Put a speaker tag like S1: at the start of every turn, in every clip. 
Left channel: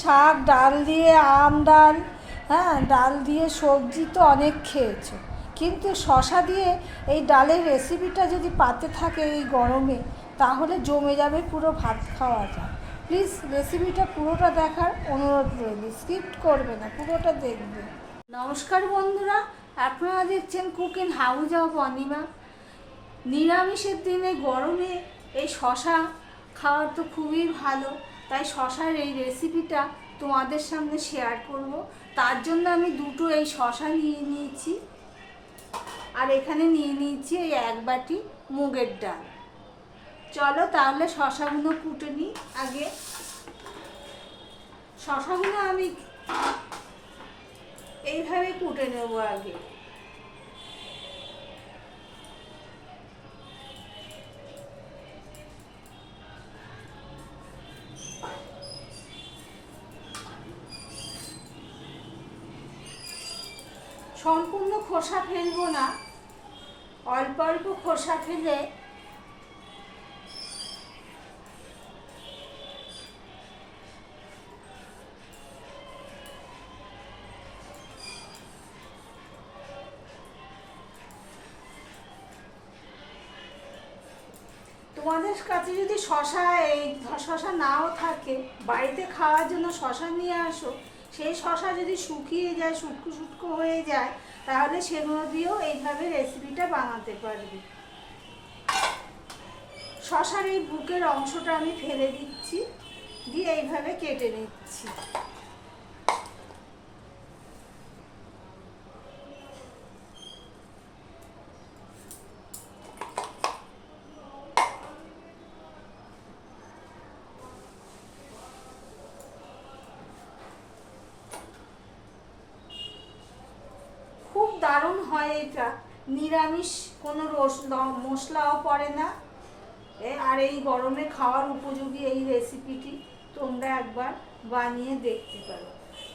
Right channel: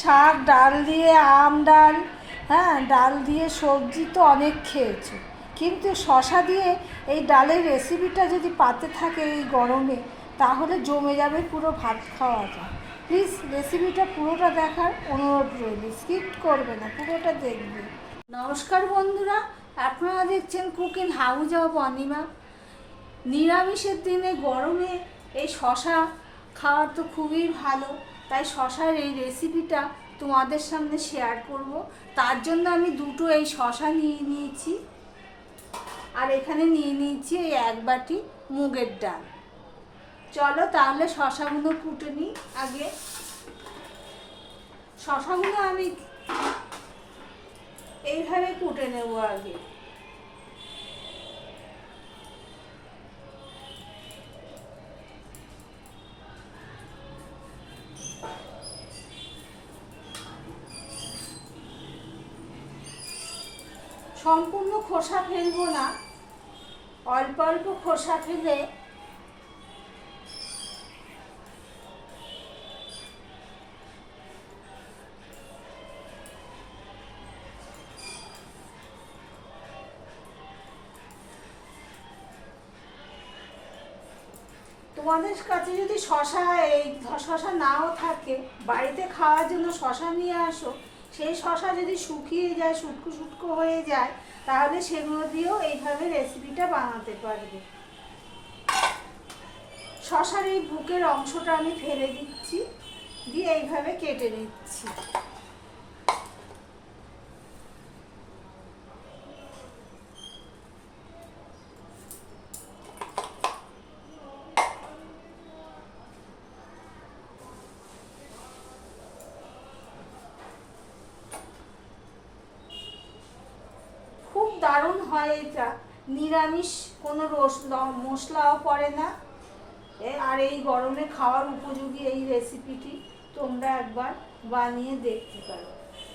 S1: শাক, ডাল দিয়ে আম, ডাল হ্যাঁ ডাল দিয়ে সবজি তো অনেক খেয়েছো। কিন্তু শশা দিয়ে এই ডালের রেসিপিটা যদি পাতে থাকে এই গরমে, তাহলে জমে যাবে পুরো ভাত খাওয়া যায় প্লিজ রেসিপিটা পুরোটা দেখার অনুরোধ রইল। স্কিপ করবে না, পুরোটা দেখবে। নমস্কার বন্ধুরা, আপনারা দেখছেন কুকিং হাউস অফ অনিমা নিরামিষের দিনে গরমে এই শশা খাওয়া তো খুবই ভালো। তাই শশার এই রেসিপিটা তোমাদের সামনে শেয়ার করব। তার জন্য আমি দুটো এই শশা নিয়ে নিয়েছি। আর এখানে নিয়ে নিয়েছি এই এক বাটি মুগের ডাল। চলো তাহলে শশাগুলো কুটে নিই আগে। শশাগুলো আমি এইভাবে কুটে নেব আগে। সম্পূর্ণ খোসা ফেলব না। অল্প অল্প খোসা ফেলে তোমাদের কাছে যদি শশা, এই শশা নাও থাকে, বাড়িতে খাওয়ার জন্য শশা নিয়ে আসো। সেই শশা যদি শুকিয়ে যায়, শুটকো শুটকো হয়ে যায়, তাহলে সেগুলো দিয়েও এইভাবে রেসিপিটা বানাতে পারবে। শশার এই বুকের অংশটা আমি ফেলে দিচ্ছি, দিয়ে এইভাবে কেটে নিচ্ছি। দারুণ হয় এটা নিরামিষ কোনো রস মশলাও পড়ে না। আর এই গরমে খাওয়ার উপযোগী এই রেসিপিটি তোমরা একবার বানিয়ে দেখতে পারো।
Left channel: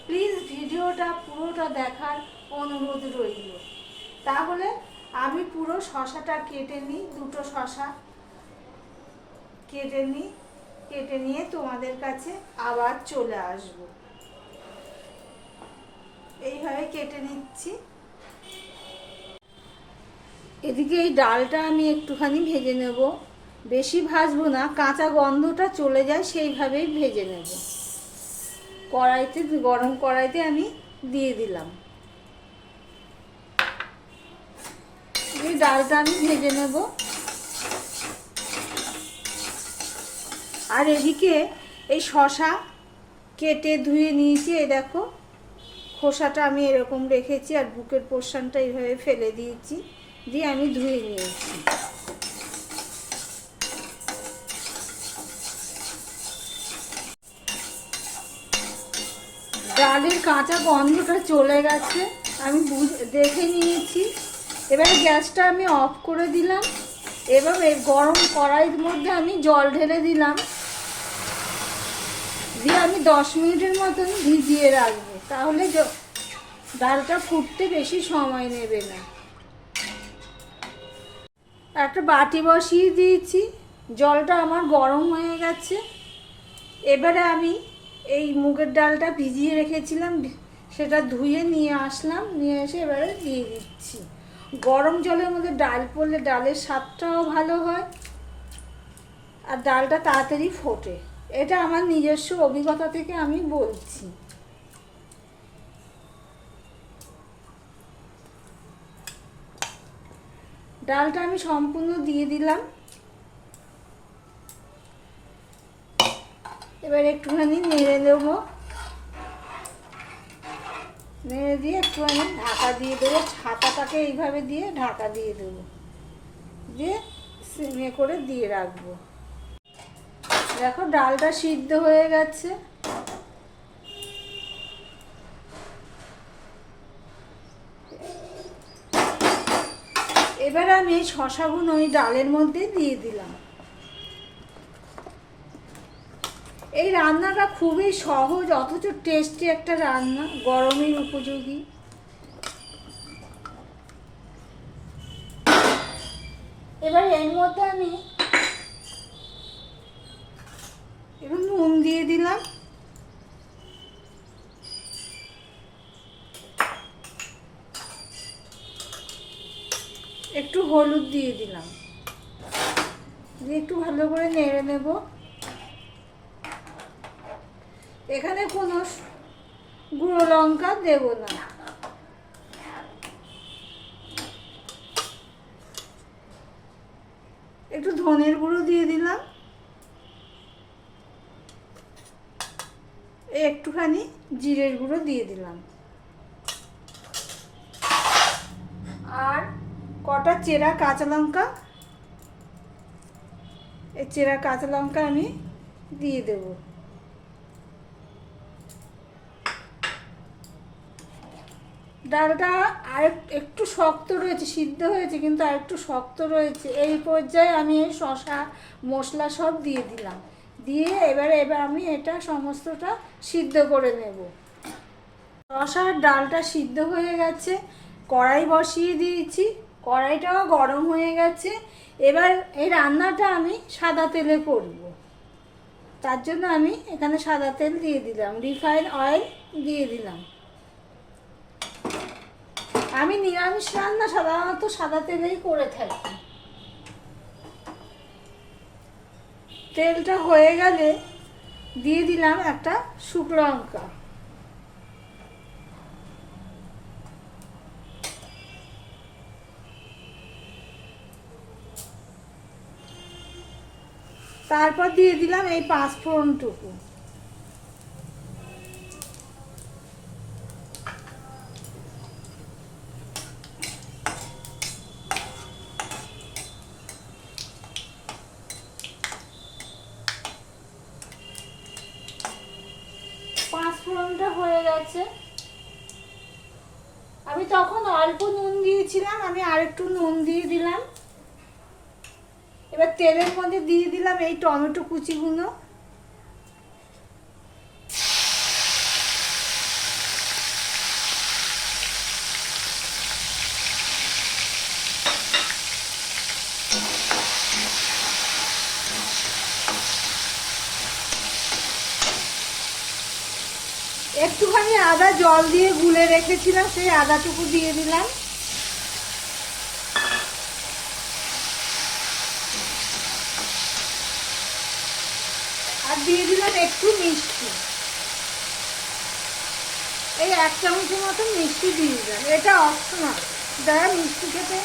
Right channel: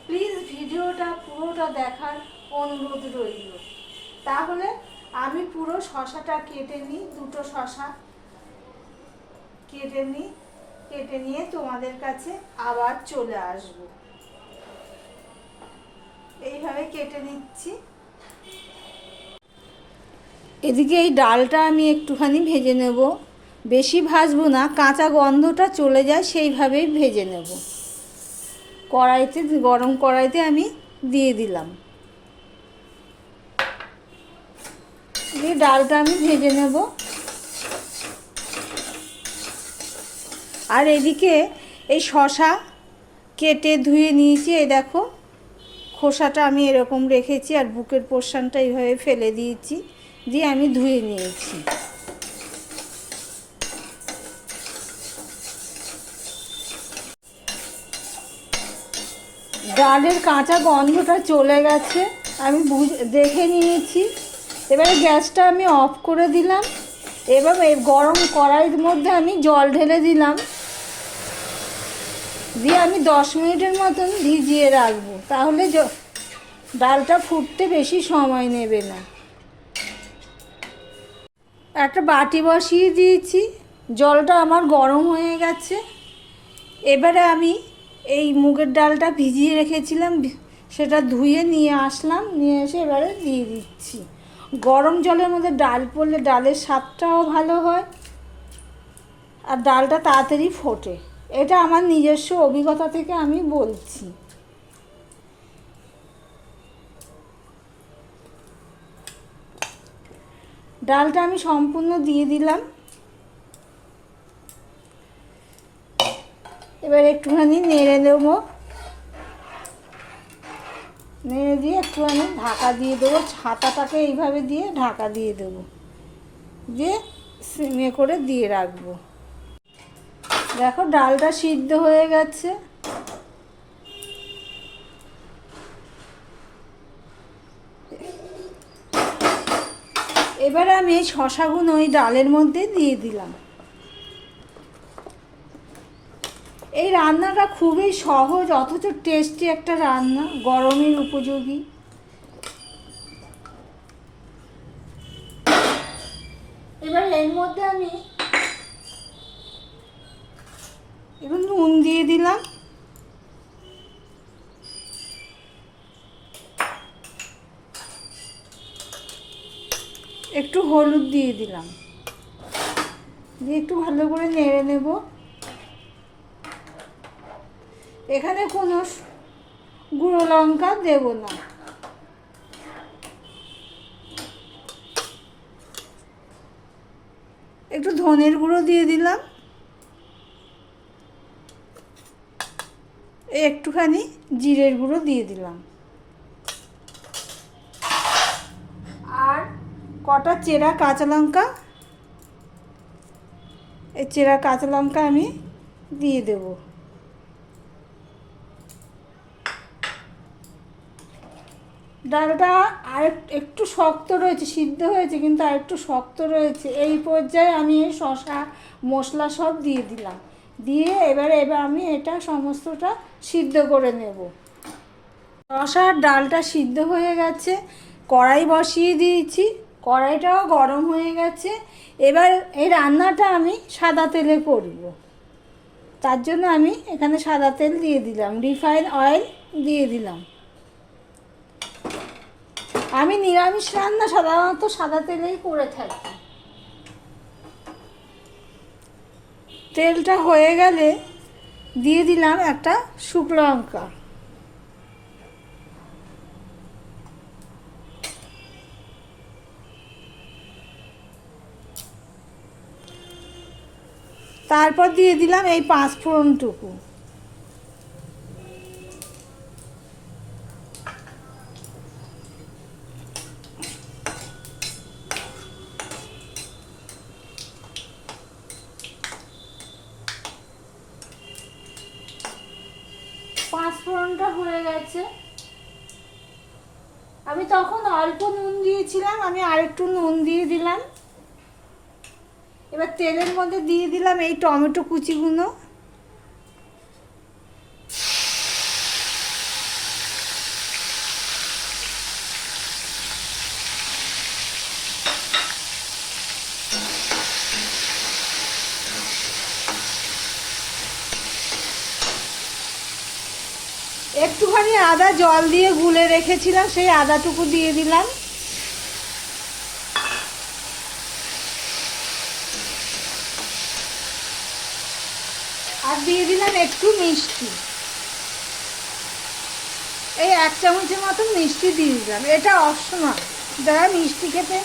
S1: প্লিজ ভিডিওটা পুরোটা দেখার অনুরোধ রইল। তাহলে আমি পুরো শশাটা কেটে নিই, দুটো শশা কেটে নিই, কেটে নিয়ে তোমাদের কাছে আবার চলে আসব। এইভাবে কেটে নিচ্ছি। এদিকে এই ডালটা আমি একটুখানি ভেজে নেব। বেশি ভাজবো না, কাঁচা গন্ধটা চলে যায় সেইভাবেই ভেজে নেব। কড়াইতে, গরম কড়াইতে আমি দিয়ে দিলাম। এই ডালটা আমি ভেজে নেব। আর এদিকে এই শশা কেটে ধুয়ে নিয়েছি, এই দেখো। খোসাটা আমি এরকম রেখেছি আর বুকের পোর্শনটা এইভাবে ফেলে দিয়েছি। দিয়ে আমি ধুয়ে নিয়েছি। ডালের কাঁচা গন্ধটা চলে গেছে, আমি বুঝ দেখে নিয়েছি। এবারে গ্যাসটা আমি অফ করে দিলাম। এবার এই গরম কড়াইয়ের মধ্যে আমি জল ঢেলে দিলাম। দিয়ে আমি দশ মিনিটের মতন ভিজিয়ে রাখব। তাহলে ডালটা ফুটতে বেশি সময় নেবে না। একটা বাটি বসিয়ে দিয়েছি। জলটা আমার গরম হয়ে গেছে। এবারে আমি এই মুগের ডালটা ভিজিয়ে রেখেছিলাম। সেটা ধুয়ে নিয়ে আসলাম। নিয়ে এসে এবারে দিয়ে দিচ্ছি। গরম জলের মধ্যে ডাল পড়লে ডালের স্বাদটাও ভালো হয়। আর ডালটা তাড়াতাড়ি ফোটে। এটা আমার নিজস্ব অভিজ্ঞতা থেকে আমি বলছি। ডালটা আমি সম্পূর্ণ দিয়ে দিলাম। এবার একটুখানি নেড়ে দেব। নেড়ে দিয়ে একটুখানি ঢাকা দিয়ে দেবো। ছাতাটাকে এইভাবে দিয়ে ঢাকা দিয়ে দেবো। দিয়ে সিমে করে দিয়ে রাখব। দেখো ডালটা সিদ্ধ হয়ে গেছে। এবার আমি শশাগুলো ওই ডালের মধ্যে দিয়ে দিলাম। এই রান্নাটা খুবই সহজ, অথচ টেস্টি একটা রান্না, গরমের উপযোগী। এবার এর মধ্যে আমি একটু নুন দিয়ে দিলাম একটু হলুদ দিয়ে দিলাম। দিয়ে একটু ভালো করে নেড়ে নেব। এখানে কোনো গুঁড়ো লঙ্কা দেব না। একটু ধনের গুঁড়ো দিয়ে দিলাম। একটুখানি জিরের গুঁড়ো দিয়ে দিলাম আর কটা চেরা কাঁচা লঙ্কা? এই চেরা কাঁচা লঙ্কা আমি দিয়ে দেব। ডালটা আর একটু শক্ত রয়েছে, সিদ্ধ হয়েছে, কিন্তু আর একটু শক্ত রয়েছে। এই পর্যায়ে আমি শশা মশলা সব দিয়ে দিলাম। দিয়ে এবারে এবার আমি এটা সমস্তটা সিদ্ধ করে নেব। শশার ডালটা সিদ্ধ হয়ে গেছে, কড়াই বসিয়ে দিয়েছি। কড়াইটাও গরম হয়ে গেছে। এবার এই রান্নাটা আমি সাদা তেলে করব। তার জন্য আমি এখানে সাদা তেল দিয়ে দিলাম, রিফাইন অয়েল দিয়ে দিলাম। আমি নিরামিষ রান্না সাধারণত সাদা তেলেই করে থাকি। তেলটা হয়ে গেলে দিয়ে দিলাম একটা শুকনো লঙ্কা। তারপর দিয়ে দিলাম এই পাঁচ ফোড়নটুকু। পাঁচ ফোড়নটা হয়ে গেছে। আমি তখন অল্প নুন দিয়েছিলাম, আমি আরেকটু নুন দিয়ে দিলাম। এবার তেলের মধ্যে দিয়ে দিলাম এই টমেটো কুচিগুলো। একটুখানি আদা জল দিয়ে গুলে রেখেছিলাম, সেই আদাটুকু দিয়ে দিলাম। আর দিয়ে দিলাম একটু মিষ্টি। এই এক চামচের মতো মিষ্টি দিয়ে দিলাম। এটা অপশনাল যারা মিষ্টি খেতে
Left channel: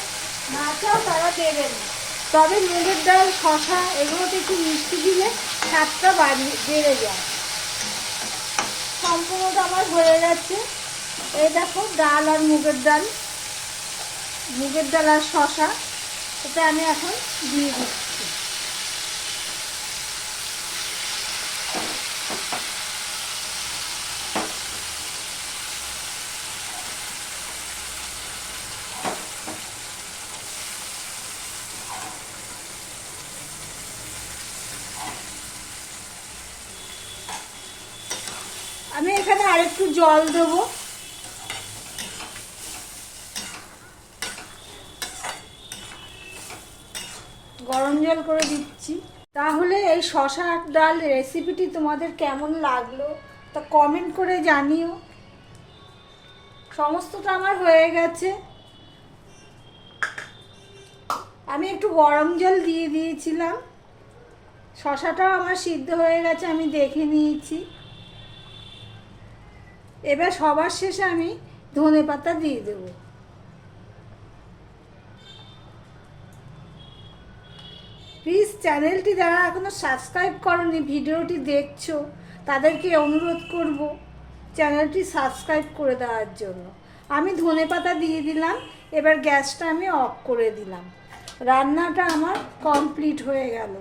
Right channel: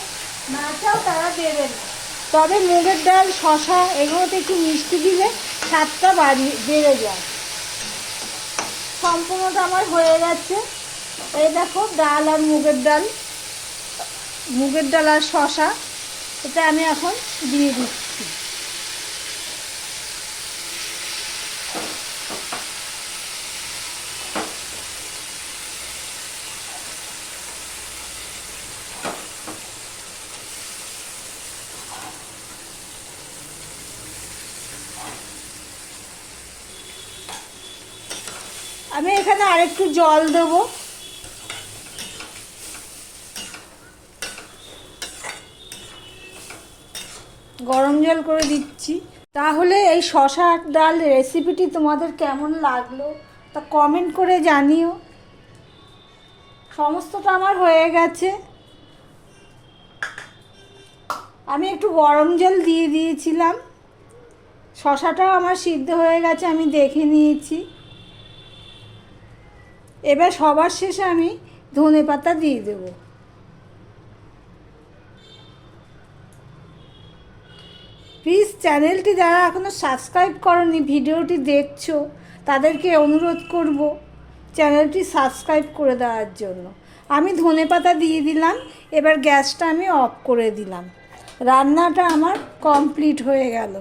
S1: না চাও, তারা দেবেন। তবে মুগের ডাল শশা এগুলোতে একটু মিষ্টি দিলে স্বাদটা বাড়িয়ে, বেড়ে যায়। সম্পূর্ণটা আমার হয়ে গেছে। এই দেখো, ডাল আর মুগের ডাল। মুগের ডাল আর শশা এটা আমি এখন দিয়ে দিচ্ছি আমি আরেকটু জল দেব। গরম জল করে দিচ্ছি। তাহলে এই শশা ডাল রেসিপিটি তোমাদের কেমন লাগল? তা কমেন্ট করে জানিও। সমস্তটা আমার হয়ে গেছে। আমি একটু গরম জল দিয়ে দিয়েছিলাম। শশাটাও আমার সিদ্ধ হয়ে গেছে, আমি দেখে নিয়েছি। এবার সবার শেষে আমি ধনে পাতা দিয়ে দেব। প্লিজ চ্যানেলটি যারা এখনও সাবস্ক্রাইব করনি, ভিডিওটি দেখছ, তাদেরকে অনুরোধ করব চ্যানেলটি সাবস্ক্রাইব করে দেওয়ার জন্য। আমি ধনে পাতা দিয়ে দিলাম, এবার গ্যাসটা আমি অফ করে দিলাম। রান্নাটা আমার কমপ্লিট হয়ে গেল।